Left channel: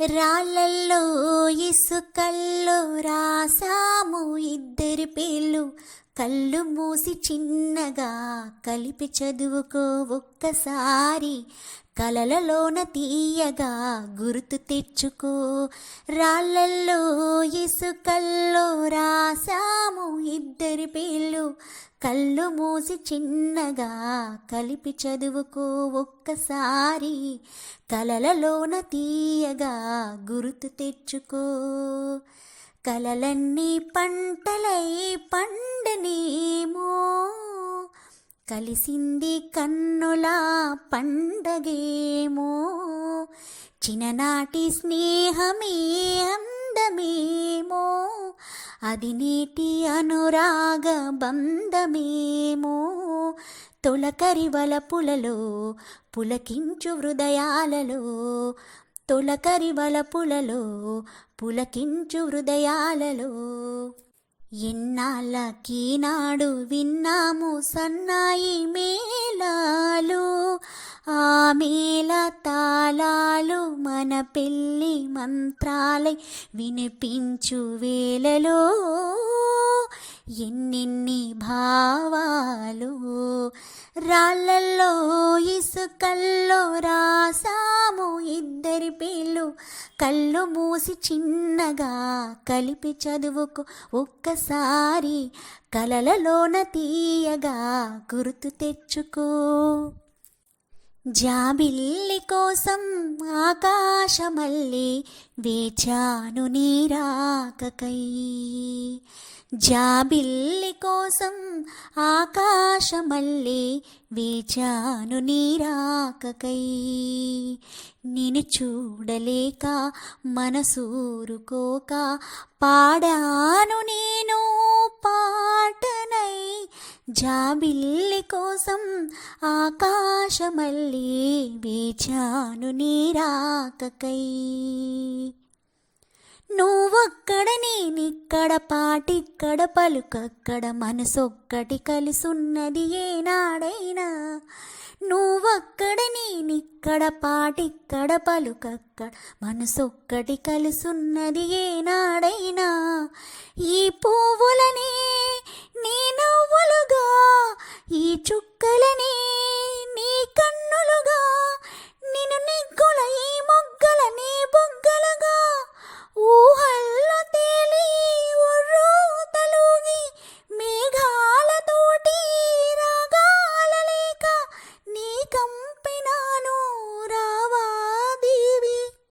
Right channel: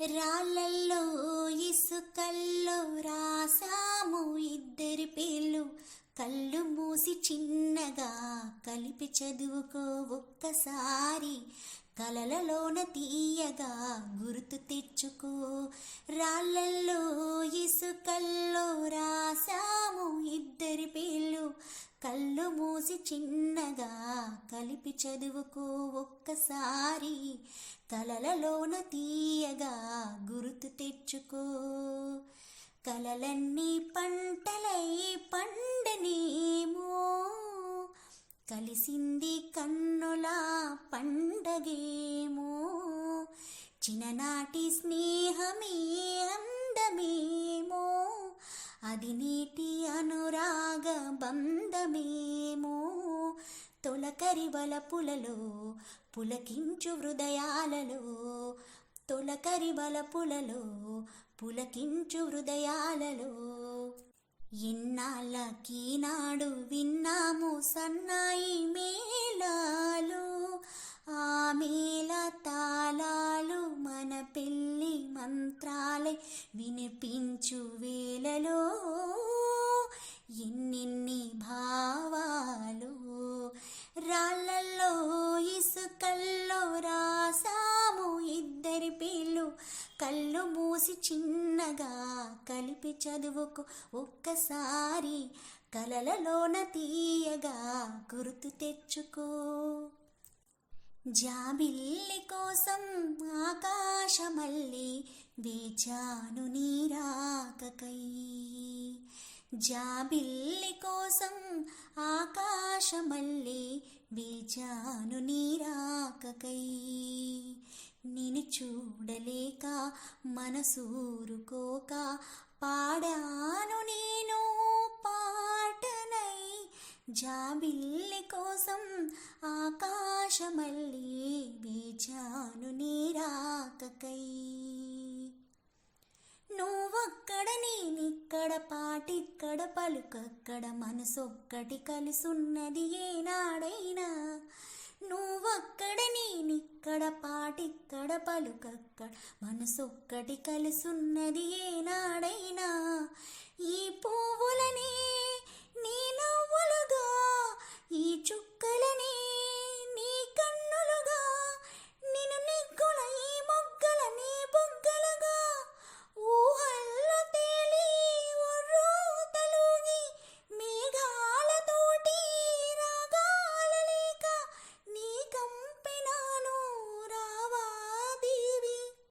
రాళ్ళల్లో ఇసుకల్లో రాసాము ఇద్దరి పేర్లు, కళ్ళు మూసి చిన్నగా కలిపి చదువుకో ఒక్కసారి, కలలలోన తీయగా గుర్తు తెచ్చుకో. రాళ్ళల్లో ఇసుకల్లో రాసాము ఇద్దరి పేర్లు, కళ్ళు మూసి చిన్నగా కలిపి చదువుకో ఒక్కసారి, కలలలోన తీయగా గుర్తు తెచ్చుకో. కలలన్నీ పంటలై పండనేమో, కలిసింది కన్నుల పండగేమో, చిన్ననాటి స్నేహమే అందమేమో, అది నేటి అనురాగ బంధమేమో, తొలకరి వలపులలో పులకించు హృదయాలలో, తొలకరి వలపులలో పులకించు హృదయాలలో. ఎన్నాళ్ళకీనాడు విన్నాము సన్నాయి మేళాలు, ఆ మేళ తాళాలు మన పెళ్ళి మంత్రాలై వినిపించు వేళలో, ఎన్నెన్ని భావాలు. రాళ్ళల్లో ఇసుకల్లో రాసాము ఇద్దరి పేర్లు, కళ్ళు మూసి చిన్నగా కలిపి చదువుకో ఒక్కసారి, కలలలోన తీయగా గుర్తు తెచ్చుకో. జాబిల్లి కోసం ఆకాశమల్లే వేచాను నీ రాకకై, జాబిల్లి కోసం ఆకాశమల్లే వేచాను నీ రాకకై, నిన్ను చూడలేక మనసూరుకోక పాడాను నేను పాటనై, జాబిల్లి కోసం ఆకాశమల్లే వేచాను నీ రాకకై. నువ్వక్కడ నేనిక్కడ పాటిక్కడ పలుకక్కడ మనసొక్కటి కలిసున్నది ఏనాడైనా, నువ్వక్కడ నేనిక్కడ పాటిక్కడ పలుకక్కడ మనసొక్కటి కలిసున్నది ఏనాడైనా, ఈ పువ్వులనే నీ నవ్వులుగా ఈ చుక్కలనే